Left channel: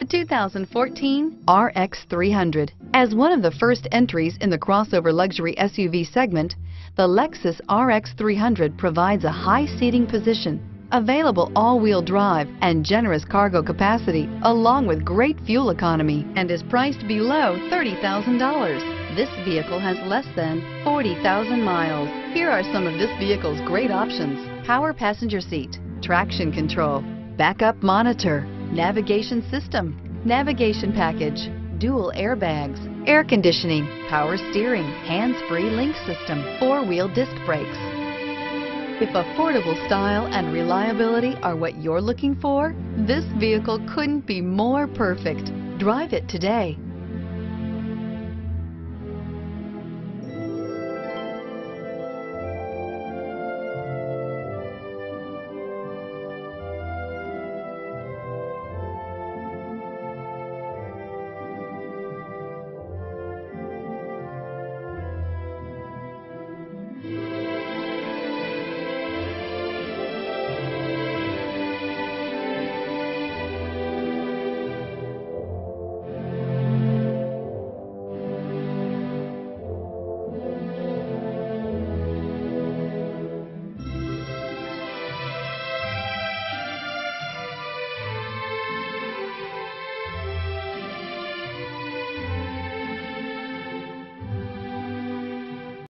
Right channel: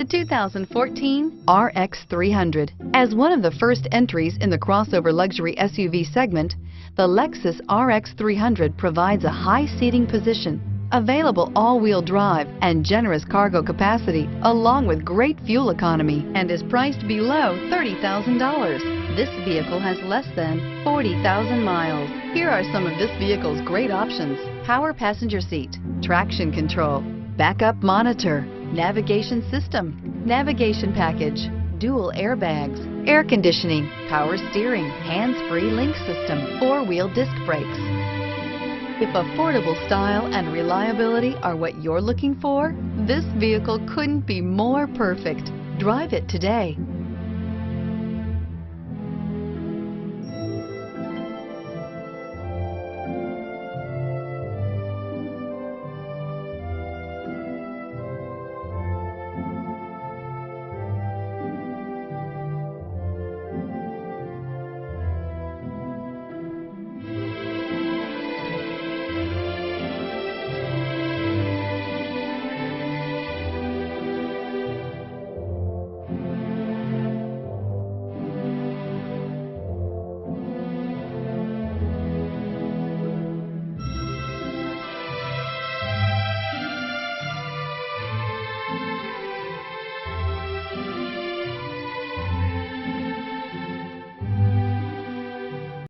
The 2014 RX 300. As one of the first entries in the crossover luxury SUV segment, the Lexus RX 300 provides a high seating position, available all-wheel drive, and generous cargo capacity, along with great fuel economy, and is priced below $30,000. This vehicle has less than 40,000 miles. Here are some of this vehicle's great options: power passenger seat, traction control, backup monitor, navigation system, navigation package, dual airbags, air conditioning, power steering, hands-free link system, four-wheel disc brakes. If affordable style and reliability are what you're looking for, this vehicle couldn't be more perfect. Drive it today.